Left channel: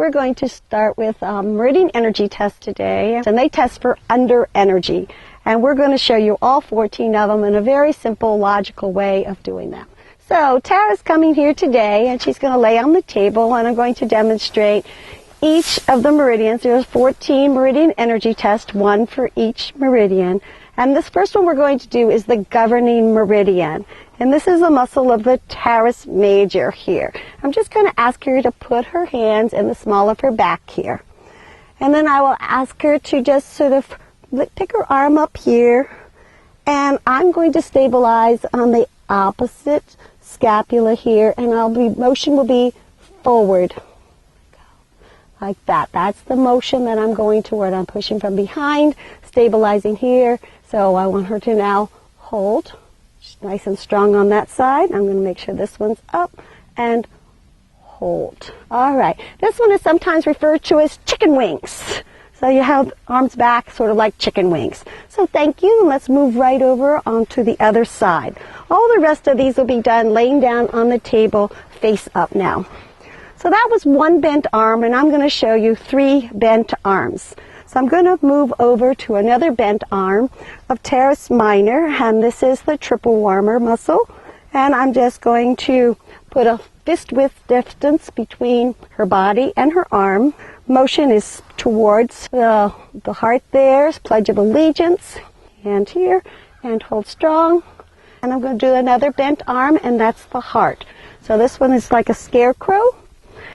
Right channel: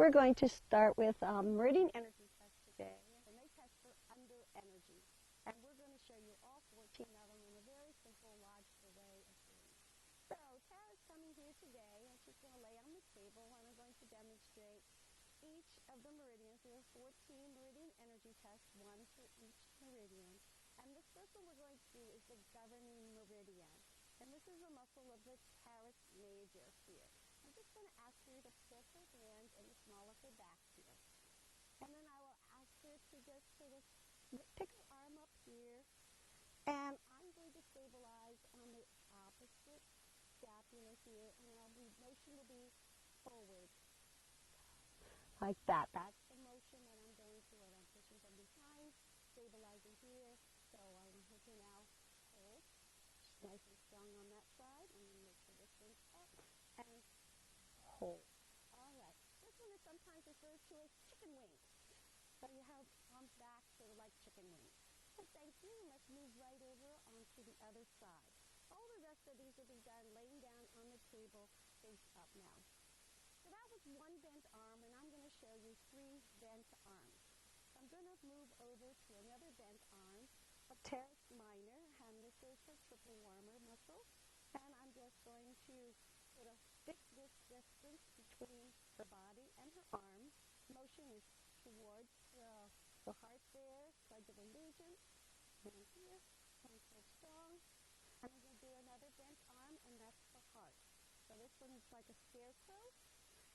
We're going to start with meridian energy test today, and they test for under energy. And we're going to show you all 14 of them in a very simple, logical way of doing them. So Tara's coming here today, and she's going to lay on the table, and I'm going to demonstrate each of the meridians. There's 14 meridian energy tests, one for each meridian. And this first one we're going to do is the governing meridian. And this is a muscle of the teres major here. I'm just going to ask her to put her hands in the small of her back here. And then I will ask her to just sort of pick her arm up here. And I'm going to stabilize on the opposite scapula here. And motion will be forward. Like that. That's the motion that I'm going toward. I'm pushing from behind, stabilizing here. So I want her to now hold. She's nice and strong on that side. I'm going to make sure this one's up and hold. All right. This one is sometimes referred to as chicken wings. So you have arms back sort of like chicken wings. So thank you. Let's move right over onto the other side. All the rest of these will be done laying down on the table face up now. So that was one bent arm, and I'm going to show you 3 bent arms. So I'm going to move over to another bent arm of teres minor, and this is the triple warmer muscle. And I'm just going to put a fist width distance between her body and her arm. Motion is towards the heart there, Pledge of Allegiance, and here, and hold strong. And I'm going to do another bent arm, and that's the heart. So this one is like a scarecrow.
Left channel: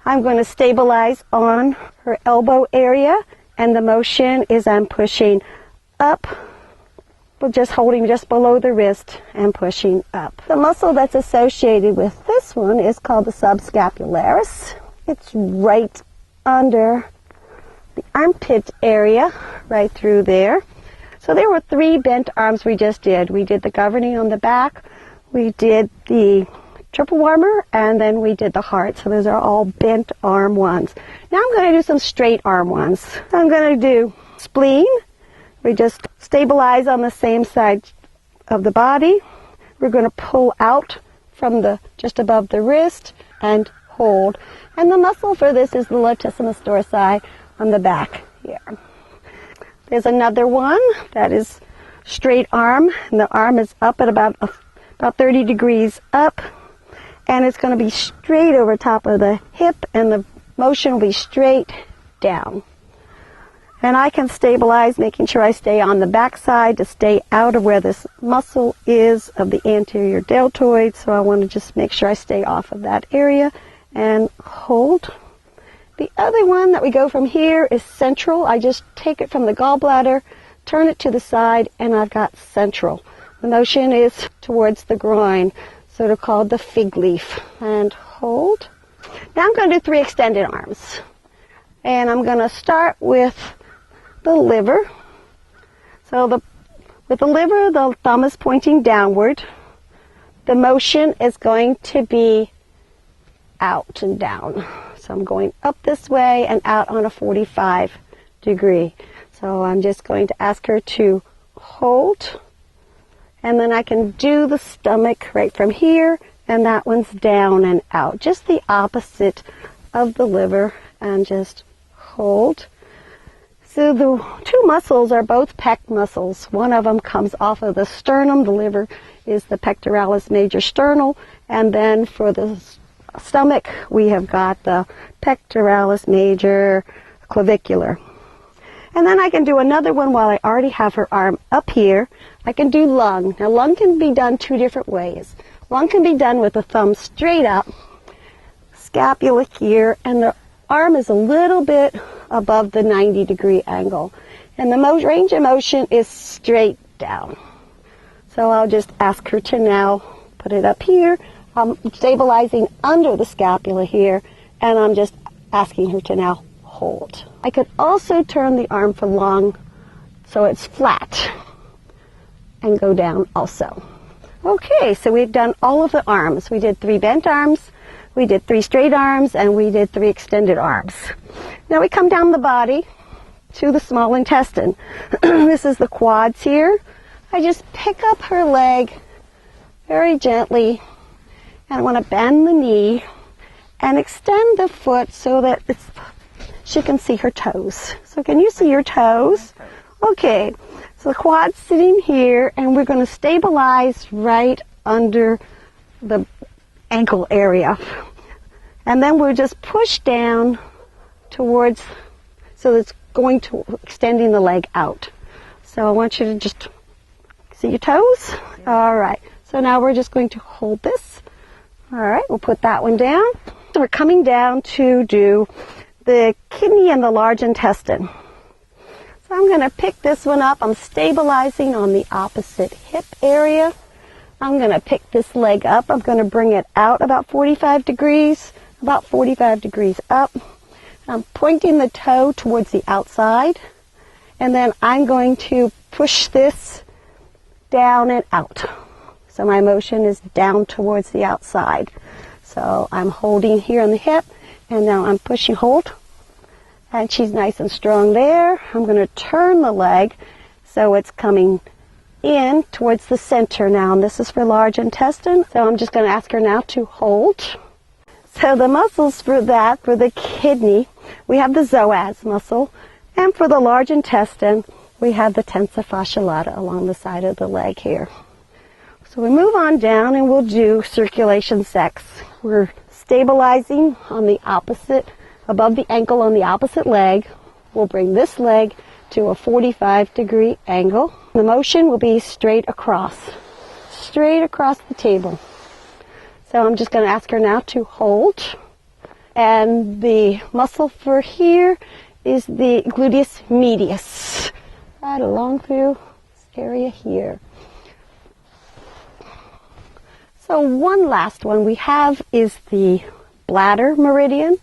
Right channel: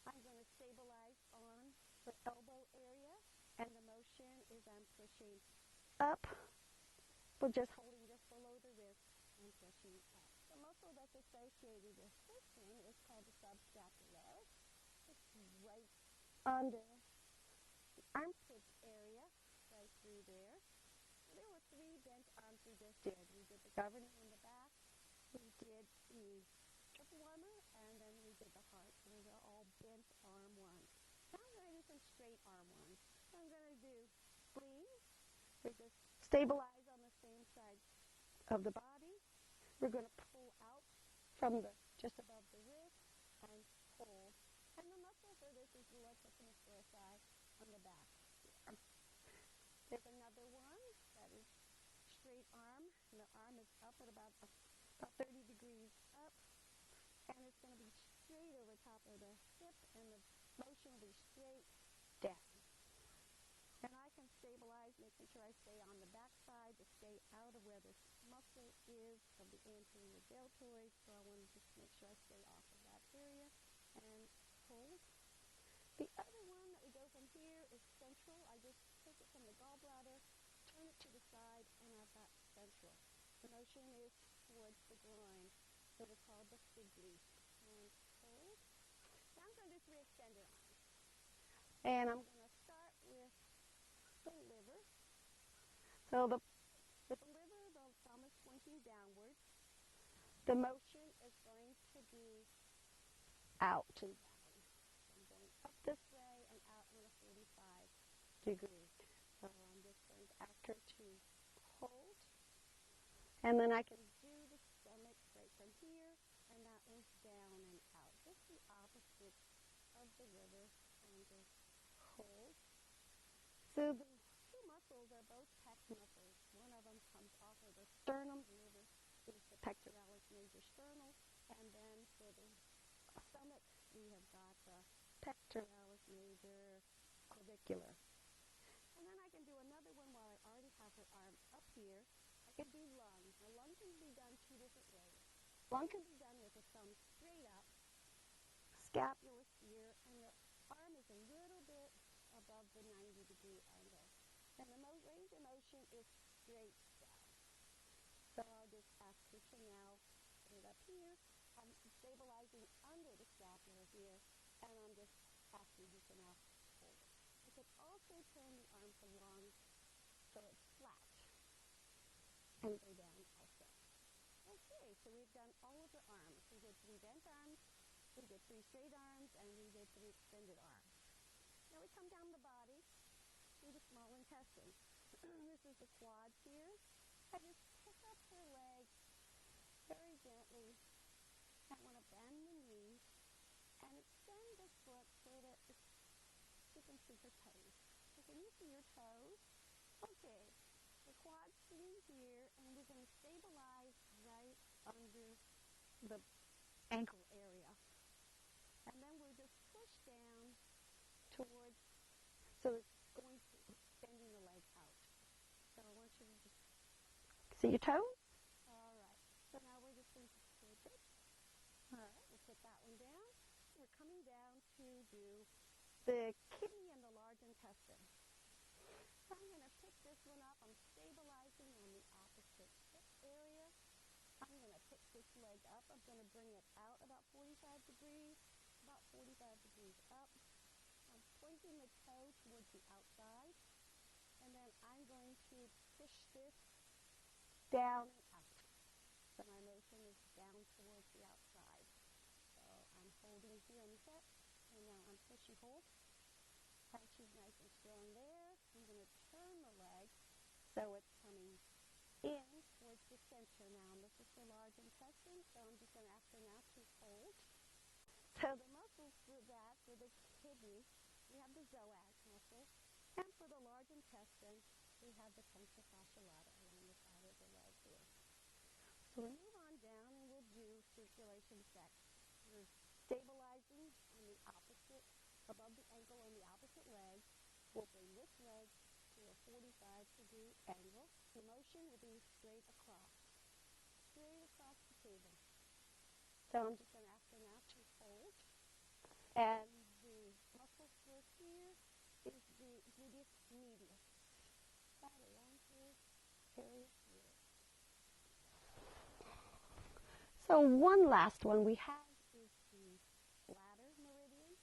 I'm going to stabilize on her elbow area, and the motion is I'm pushing up, but just holding just below the wrist and pushing up. The muscle that's associated with this one is called the subscapularis. It's right under the armpit area, right through there. So there were 3 bent arms we just did. We did the governing on the back, we did the triple warmer, and then we did the heart. So those are all bent arm ones. Now I'm going to do some straight arm ones. So I'm going to do spleen. We just stabilize on the same side of the body. We're going to pull out from just above the wrist and hold. And the muscle for this is the latissimus dorsi on the back here. There's another one that is straight arm, and the arm is up at about 30 degrees up. And it's going to be straight over top of the hip, and the motion will be straight down. And I can stabilize, making sure I stay on the back side to stay out of where this muscle is of the anterior deltoid. So I want to just make sure I stay off of that area and hold. The other one that we go from here is central. I just take it from the gallbladder, turn it to the side, and I've got central. The motion is towards the groin, sort of called the fig leaf, and hold. Now I'm going to do 3 extended arms, and I'm going to start with the liver. So with the liver, the thumb is pointing downward. The motion is going to be out and down. So I'm going up this way and out on a 45 degree. So I'm just going to ask her to hold. And then I can do the stomach right from here, and that one's down and out. Just the opposite of the liver, and just hold. So the 2 muscles are both pec muscles. One of them comes off of the sternum. The liver is the pectoralis major sternal. And then for the stomach, we have got the pectoralis major clavicular. And then I can do another one while I already have her arm up here. I can do lung. Now lung can be done 2 different ways. Lung can be done with the thumb straight up, scapula here, and the arm is a little bit above the 90-degree angle. And the range of motion is straight down. So I'll just ask her to now put it up here. I'm stabilizing under the scapula here, and I'm just asking her to now hold. I could also turn the arm for lung so it's flat and go down also. Okay, so we've done all of the arms. We did 3 bent arms, we did 3 straight arms, and we did 3 extended arms. Now we come down the body to the small intestine. This is the quads here. I just pick up her leg very gently, and I want to bend the knee and extend the foot so that it's she can see her toes. So can you see your toes? Okay, so the quad's sitting here, and we're going to stabilize right under the ankle area. And then we'll just push down towards, so it's going to extending the leg out. So I want you to just see your toes. All right, so now we're just going to hold this. All right, we'll put that one down. So we're coming down to do the kidney and the large intestine. So I'm going to pick this one up. I'm stabilizing on the opposite hip area. I'm going to pick this leg up. I'm going to bring it out about 45 degrees up. I'm pointing the toe towards the outside, and then I'm going to push this down and out. So my motion is down towards the outside. So I'm holding here on the hip, and now I'm pushing hold. And she's nice and strong there. I'm going to turn the leg so it's coming in towards the center now. And this is for large intestine. So I'm just going to ask her now to hold. So the muscles for that, for the kidney, we have the psoas muscle. And for the large intestine, we have the tensa fascia lata along the side of the leg here. So we move on down and we'll do circulation sex. We're stabilizing on the opposite, above the ankle on the opposite leg. We'll bring this leg to a 45-degree angle. The motion will be straight across the table. So I'm just going to ask her now to hold. And the muscle for here is the gluteus medius, right along through this area here. So one last one we have is the bladder meridian.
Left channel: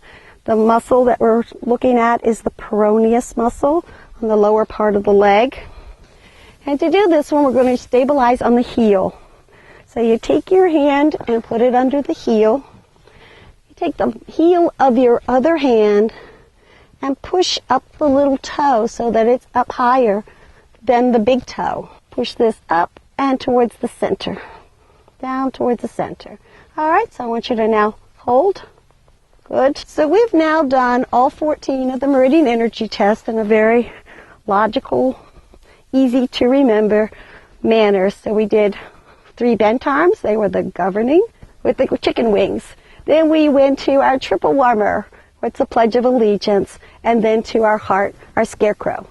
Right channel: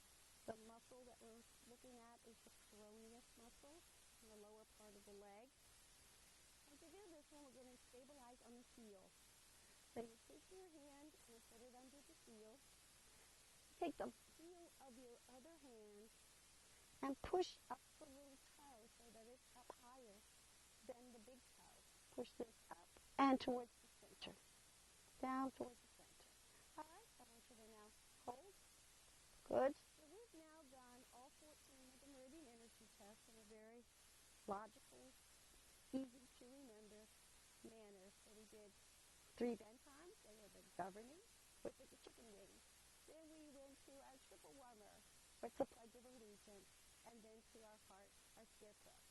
The muscle that we're looking at is the peroneus muscle on the lower part of the leg. And to do this one, we're going to stabilize on the heel. So you take your hand and put it under the heel. You take the heel of your other hand and push up the little toe so that it's up higher than the big toe. Push this up and towards the center. Down towards the center. All right, so I want you to now hold. Good. So we've now done all 14 of the meridian energy tests in a very logical, easy to remember manner. So we did 3 bent arms. They were the governing with the chicken wings. Then we went to our triple warmer, what's the Pledge of Allegiance, and then to our heart, our scarecrow.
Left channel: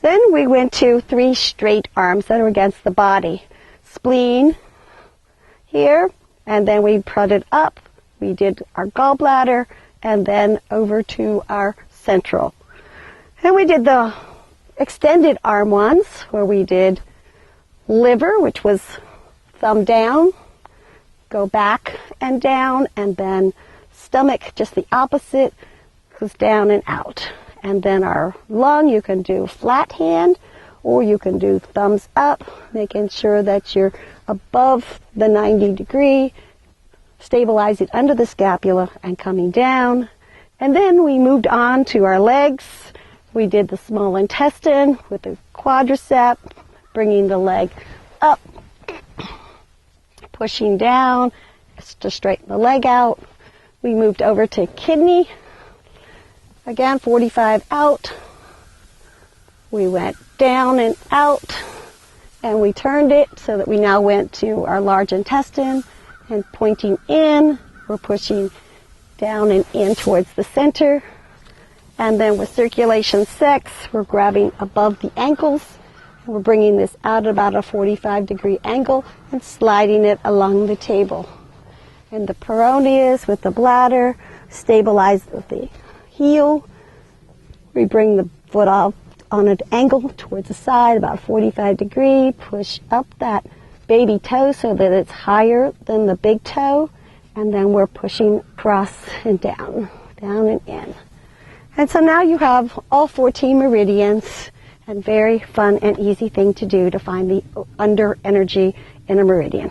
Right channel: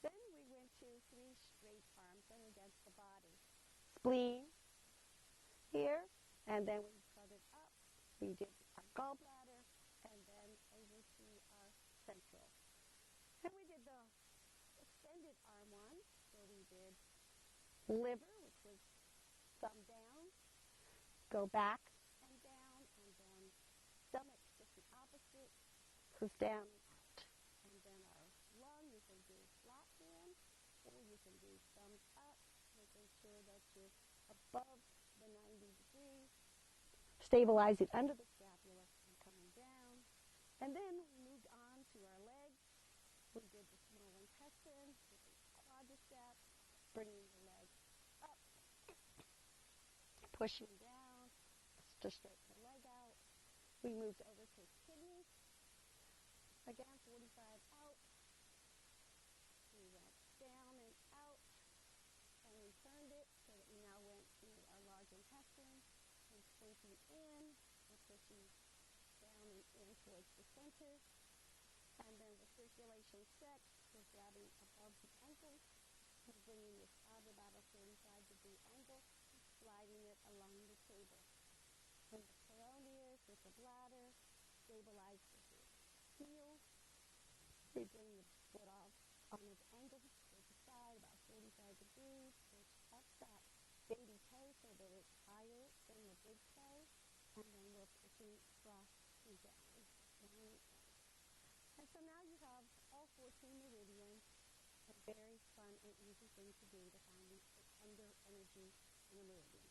Then we went to 3 straight arms that are against the body. Spleen, here, and then we prodded up. We did our gallbladder, and then over to our central. And we did the extended arm ones, where we did liver, which was thumb down, go back and down, and then stomach, just the opposite, goes down and out. And then our lung, you can do flat hand, or you can do thumbs up, making sure that you're above the 90 degree, stabilize it under the scapula and coming down. And then we moved on to our legs. We did the small intestine with the quadricep, bringing the leg up, pushing down to straighten the leg out. We moved over to kidney. Again, 45 out. We went down and out, and we turned it so that we now went to our large intestine, and pointing in, we're pushing down and in towards the center. And then with circulation sex, we're grabbing above the ankles, and we're bringing this out at about a 45-degree angle and sliding it along the table. And the peroneus with the bladder, stabilize the heel. We bring the foot off on an angle towards the side, about 45 degree, push up that baby toe so that it's higher than the big toe, and then we're pushing across and down and in. And so now you have all 14 meridians, and very fun and easy thing to do to find the under energy in a meridian.